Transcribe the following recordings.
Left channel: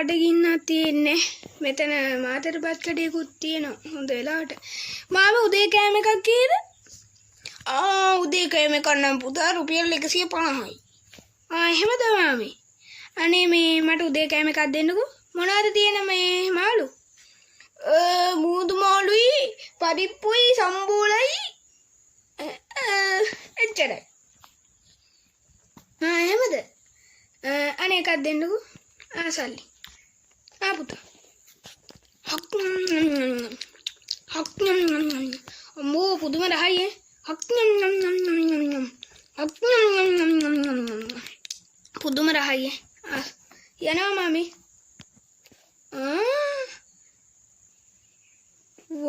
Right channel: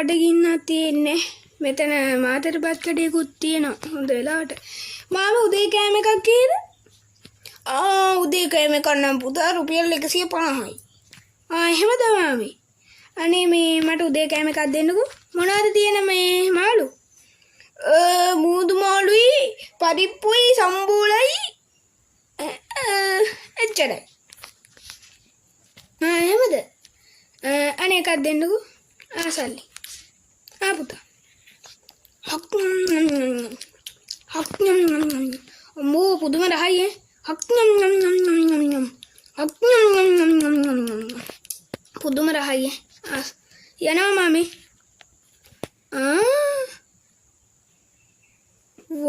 අඩගින්නක් තියෙන්නේ. මෙතන මාතර බත් කඩේකුත් තියෙනවා. හොඳ වෙලාවට. මාම උදේ කෑම එකක් කීයද? උදේ කෑම එකක් නම් පුතා රුපියල් 150යි. එහෙමද මාමි? අනේ මේ මට උදේ කෑම එකක් දෙන්නකෝ. මොනවාද තියෙන මේ මාළු? මූදු මාළුයි, පරිප්පුයි, සම්බෝලයි. එච්චරයි. එහෙමද? අනේ එකක් දෙන්නකෝ. සල්ලි. පුතා. අම්මෝ පුදුම රහයි පුදුම රහයි යනවා මාමි. වව්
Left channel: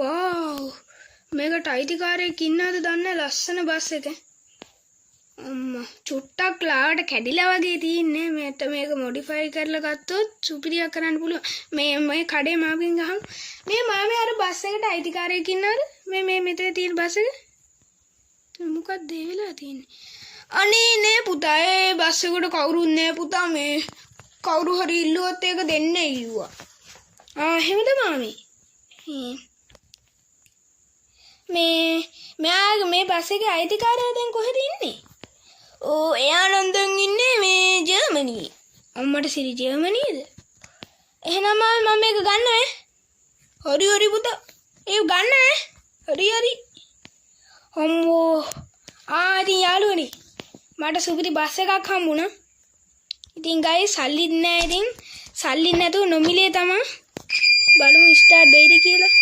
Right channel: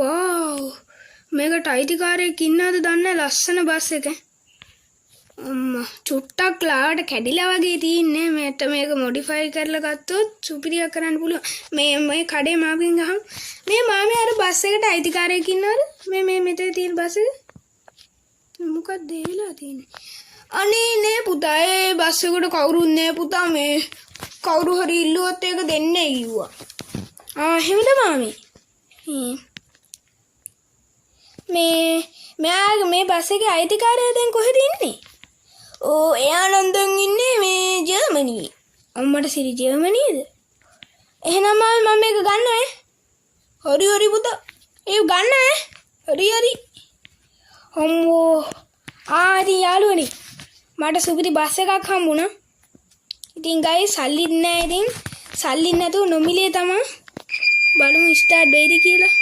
මේකට අයිතිකාරයෙක් ඉන්නවද දන්නේ? ලස්සන බස් එක. අම්මා චුට්ටක් ලාවට කැඩිලා වගේ තියෙන්නේ. මේක මොඩිෆයි කරලා ගත්තොත් සුපිරියක් කරන්න පුළුවන්. මේ කඩේ මාගෙන් ගහමු. මේ මාමේ අර බස් එකට අයිතිකාරයෙක් ඉන්නවද? මේ මෙතේ තියෙන බස් එක. මොකක්ද ඒ වෙලා තියෙන්නේ? අනේ නේ පුතා ඒ බස් එකට කවුරුත් නෑ පුතා. මේ කවුරු හරි ඉල්ලුවොත් ඒක දෙන්නේ කිව්වා. එහෙමද මාමේ? මේ බස් එකේ අයිතිකාරයා දැන් කොහෙද ඉන්නේ? එයා ලන්දන් ඉන්නේ මේ ජර්මනියේ. අම්මට සිරි ජර්මනියේද? එහෙනම් මම මේක ගන්නවා. හරි පුතා. ඒක ගන්නවා. හරි. අම්මෝ. හරි යාළුවනි. මට සුපිරි බස් එකක් හම්බුණා. ඉතින් ගයිස් සල්ලිත් නෑ. ඉතින් සල්ලි නැතුව නොමිලේ තමයි. බලමු ස්ටාර්ට් වෙයිද කියලා.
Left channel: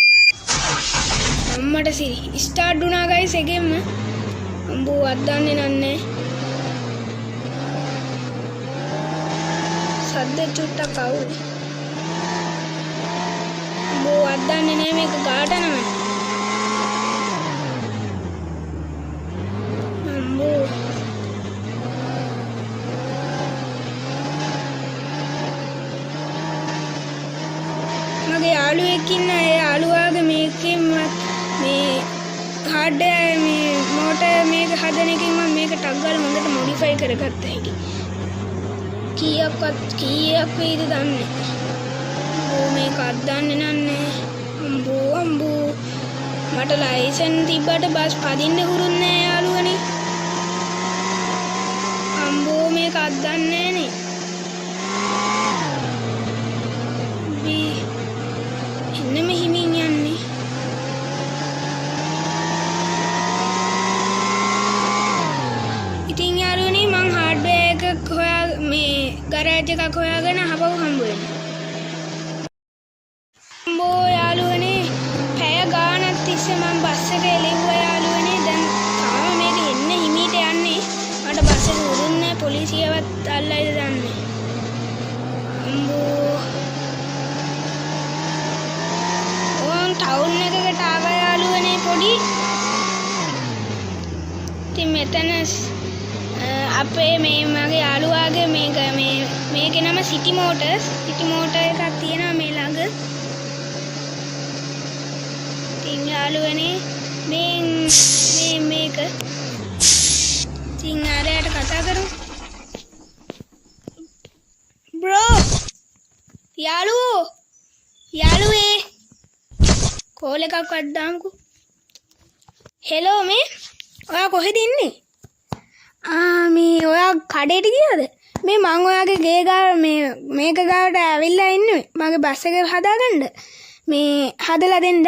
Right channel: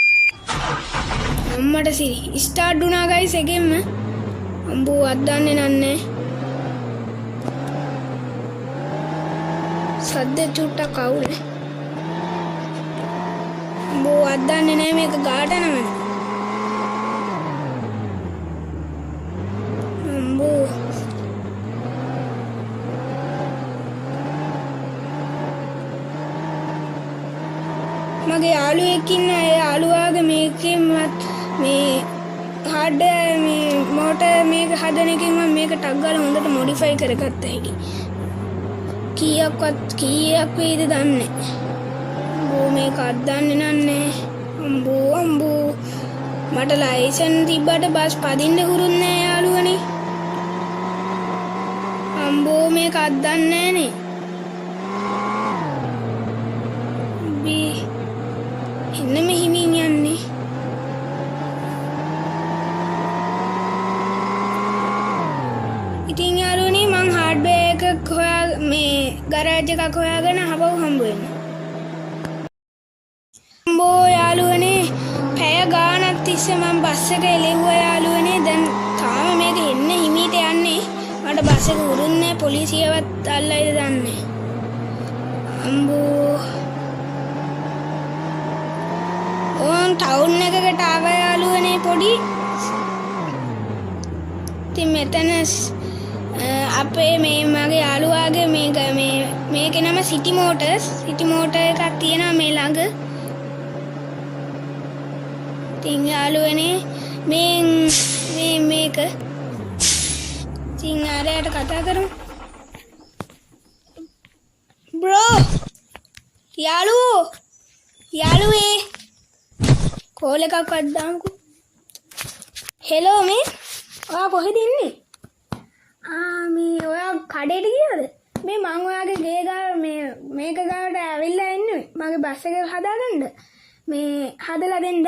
අම්මට සිරි ස්ටාර්ට් වුණා ගයිස් එකෙන්ම. අම්බෝ අද්දන්නේ නන්නේ. සද්ද චුට්ටක් අවුනේ. අම්බෝ අද්දන්නේ නෑ මේක ගාට නම. මගේ යාළුවෙක් ඉන්නවා. ඒ යාළුවාගේ මේකේ මේ හાર્ඩ්වෙයාර් මේ මෝටර් මේක හදන එකෙන් මම මේක ටක් ගාලා හොඳට මොඩිෆයි කරගත්තා ඒක. කීයක් වේද දන්නේ. මේක අද්දන්නේ නන්නේ. අම්බෝ මට ලයිසන් තිබ්බට බස් පදින්න හුරුත් නෑ යාළුවනේ. අම්බෝ මේක අද්දන්නේ නේ. අපේ මේ මගේ යාළුවාගේ මේකේ නම සිටි මෝටර්ස්. සිටි මෝටර් එකක් තියෙනවා මේ ළඟ. ඉතින් යාළුවනේ මේක ඉතින් ආරයට කතා කරමු. බ්‍රෝ යාළුවේ කෝල් එකක් වඩ්ඩාන්කෝ. හෙලෝ මේ ඔයා කොහෙද ඉන්නේ? මේ ඔයා කඩේට ගියාද? මේ මං ඔයාගේ ගේ ගාව මේක ගාවට ඇවිල්ලා ඉන්නේ. මගේ බස් එක හදාගන්න. මේ හදලා දෙන්න.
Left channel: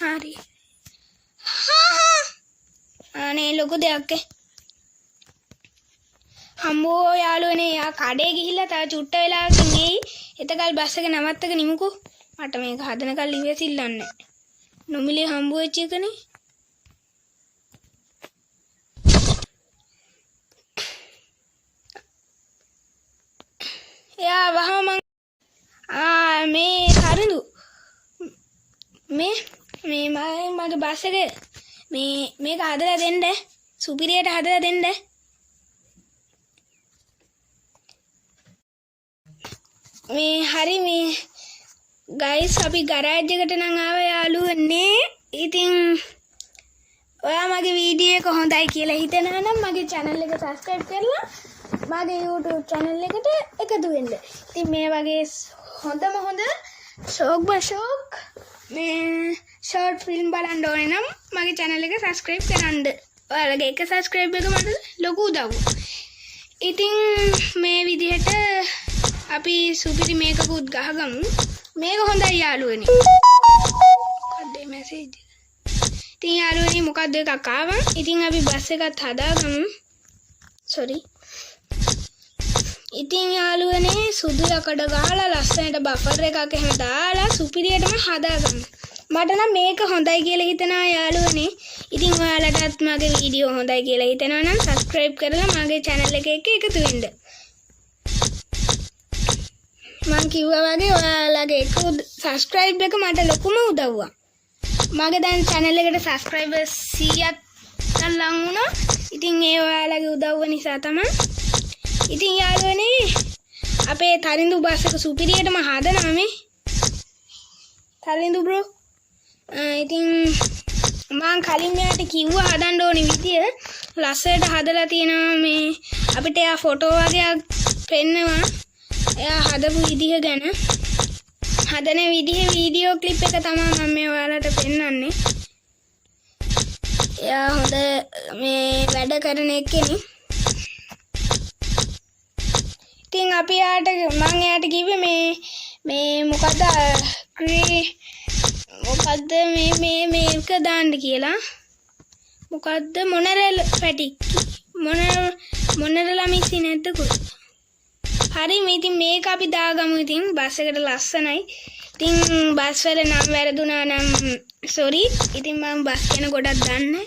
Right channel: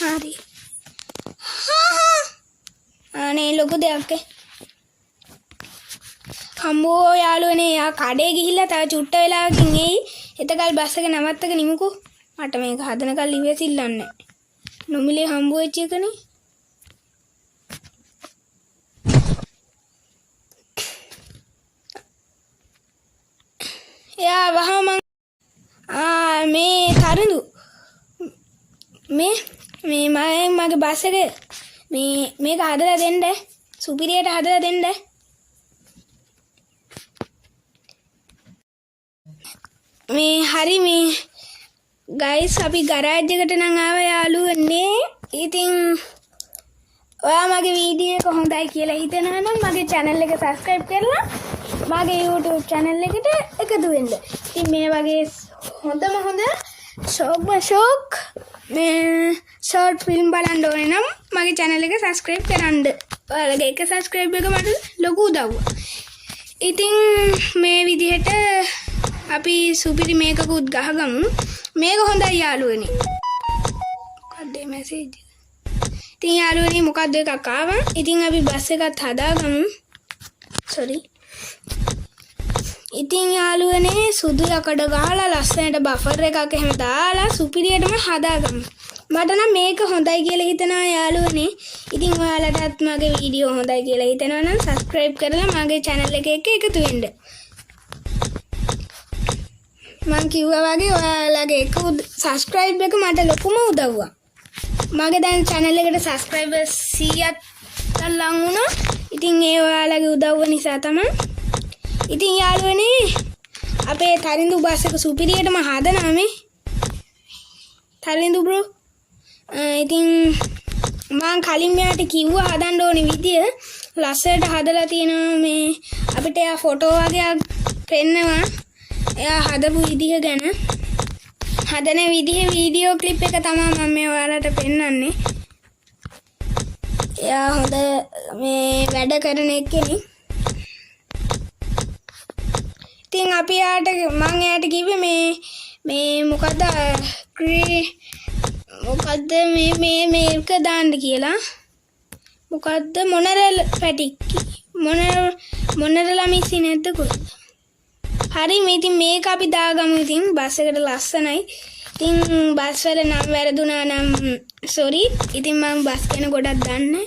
හරි. අනේ ලොකු දෙයක්. අම්මෝ යාළුවනේ යා කඩේ ගිහිල්ලා තව චුට්ට වෙලාවකින් එයි. එතකල් බස් එක නවත්තක නිමුකෝ. මට මේක හදනකල් ඉවසිල්ලන්නේ නැහැ. නොමිලේ හම්බ වෙච්ච එකනේ. යා වහම මේ තරුදු මේ මගේ බස් එක මේක හදලා දෙන්න. සුපිරියට හදලා දෙන්න. මේ හරි මේ ගයිස් අපි ගරාජ් එකට නම් ආව යාළුවනේ. ඉතින් ඔයා මගේ වීඩියෝ එක හොඳයි කියලා හිතනවා නම් මගේ channel එක subscribe කරලා මගේ YouTube channel එකට එකතු වෙන්න. ඉතින් මේ වගේ හොඳම හොඳ ෂෝක් මේ ෂෝට් ෆිල්ම් බලන්න ඕනේ නම් මගේ channel එක subscribe කරන්න. ඔයාලගේ එක subscribe එක මට ලොකු උදව්වක්. ඉතින් මේ විදිහට අපි සුපිරි මේකකුත් ගහගමු. මේක හොඳයි යාළුවනේ. මොකක්ද මැසේජ්? ඉතින් යාළුවනේ මොකක්ද එකක් ආවා. ඉතින් අපි බස් එකත් හදාගමු. sorry. ඉතින් යාළුවනේ සුදු යකඩ ගහලා ලස්සනට බෆර් එකක් එහෙම දාලා සුපිරියටම හදාගමු. මට නම් මේක හොඳයි කියලා හිතනවා යාළුවනේ. ඉතින් ඔයාලටත් මගේ වීඩියෝ හොඳයි කියලා හිතනවා නම් subscribe කරලා මගේ channel එක එක්ක එකතු වෙන්න. මම කිව්වා වගේ ඔයාලගේ එක subscribe එක මට ලොකුම උදව්වක්. මගේ දැන් channel එකට subscribers 100ක් ලං වුණා. ඉතින් ඒ ඔයාලගේ උදව්ව නිසා තමයි. ඉතින් යාළුවනේ අපේ තරිඳු බස් එක සුපිරියටම හදනවා මේ. තරිඳු බ්‍රෝ. ඉතින් මම කලින් යාට කිව්වා හදන්න ඕනේ විදිය ලස්සනට හදලා තියෙනවා මේ අපිට යා ෆොටෝ වගේක් පෙන්නවා. එයා හදපු විදිය ගැන හදන විදිය වීඩියෝ ක්ලිප් එක තමයි මම මේ ඔයාලට පෙන්නන්නේ. එයා හොඳ මේ වැඩ කරන එක්කෙනෙක්. ඉතින් අපි යාට මම එයාට කිව්වේ මේ මොකද්ද මේක දාන්න කියලා. මොකද්ද මොනරල් පැටික් මොනරලා මික්සි නැද්ද කොහෙද? හරි මේ ඉතින් මේක අපි දාගමු. ඉතින් බස් එකට ලස්සනයි. ඉතින් බස් වල නම් වැරදුනා නම් sorry. ඉතින් මම බස් ගැන ගොඩක් දන්නේ.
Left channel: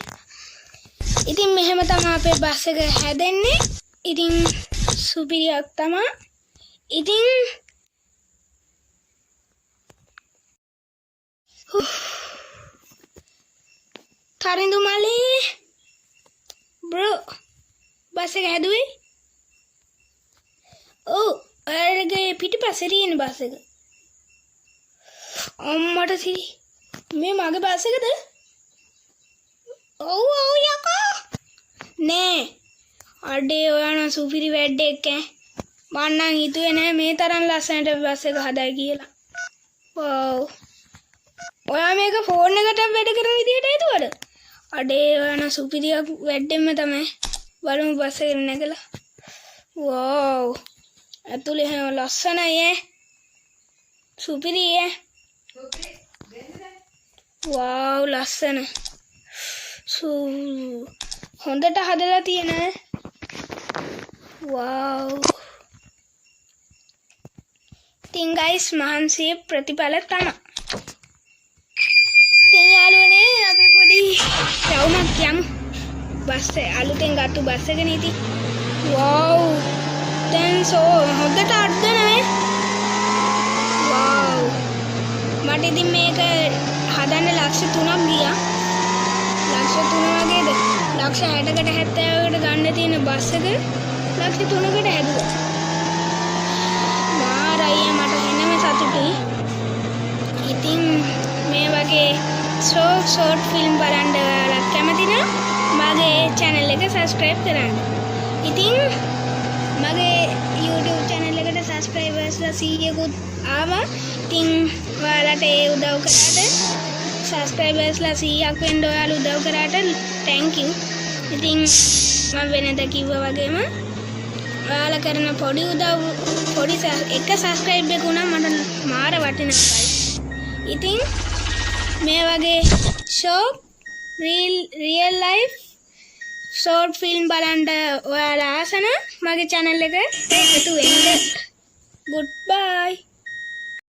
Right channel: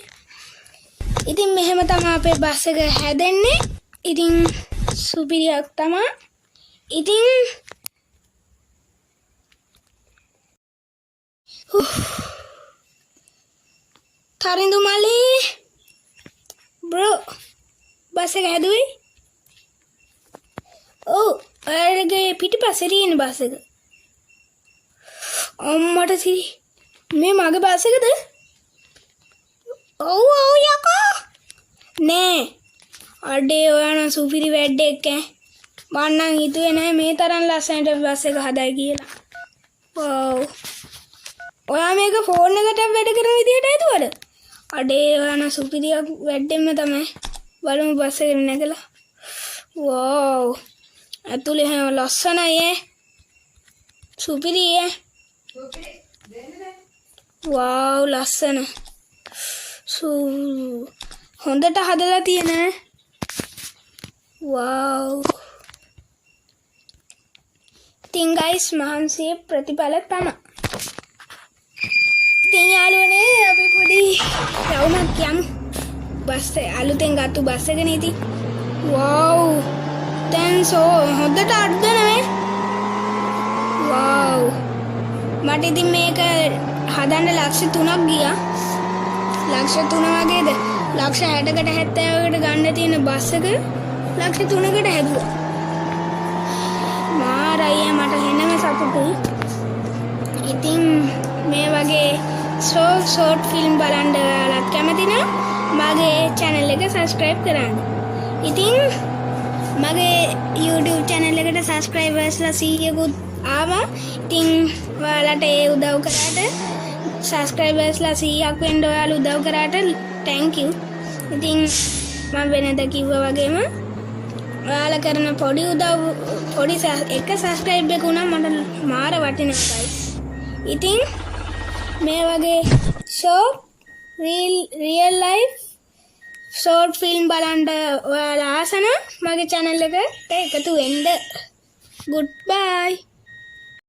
ඉතින් මෙහෙම තමයි අපේ බස් එක හැදෙන්නේ. ඉතින් සුපිරියක් තමයි. ඉතින් තරිඳු මලේ බ්‍රෝ බස් එක හැදුවේ? ඔව් ඔයාලගේ පිටිපස්සේ තියෙන බස් එක. අම්මට සී මේ මගේ බස් එකද? ඔව් යකෝ නෑ අඩේ ඔයාලා සුපිරි වැඩක් ඈ. මම නම් හිතුවේ නෑ මේ තරම් ලස්සනට බස් එක හදයි කියලා. වව් ඔයා මේක ෆෝන් එකට වැඩ කරන විදියට හිතුවද? අඩේ ඔයාලා සුපිරියක් වැඩෙන්න තමයි. බලමු බස් එක නැගලා. වව් ඇතුලේ හැම ලස්සනයි ඈ. සුපිරි ඈ. වව් ලස්සන. හොඳට හදලා තියෙන. වව්. ඉතින් guys මහන්සි ප්‍රතිඵල තමයි. ඉතින් යාළුවනේ අපි පොඩි යමු. බස් අලුතෙන් ගත්ත බස් එකනේ ඉතින්. වව්. දැන් හොඳට අඩද නේ? වව්. මට ඉතින් මේක හදන්න ලක්ෂ 3ක් ගියා. ලක්ෂ 3 වගේද? ලක්ෂ 60කට 70කට ගන්න තියෙන බස් එක ලක්ෂ 3කට හැදුවා. මාරයි මට එන්නම සතුටුයි. ඉතින් මේ වගේ ෂෝට් ෆිල්ම් බලන්න කැමති නම් මගේ channel එක subscribe කරන්න. ඉතින් මගේ YouTube channel එකට subscribersලා 100කුත් ආවා. ඉතින් ඔයාලට ඒ උදව් කරාට subscribersලා 100ක් වෙන්න ඔයාලා උදව් කරාට thank you. ඉතින් මම වෙනද කිව්වා වගේම ඔයාලා කරන පොඩි උදව් එක subscribe එක උනා මට මාර වටිනවා. ඉතින් මේ වගේ real life short film බලන්න ඔයාලා ආස නම් මගේ channel එක එකතු වෙන්න. Goodbye.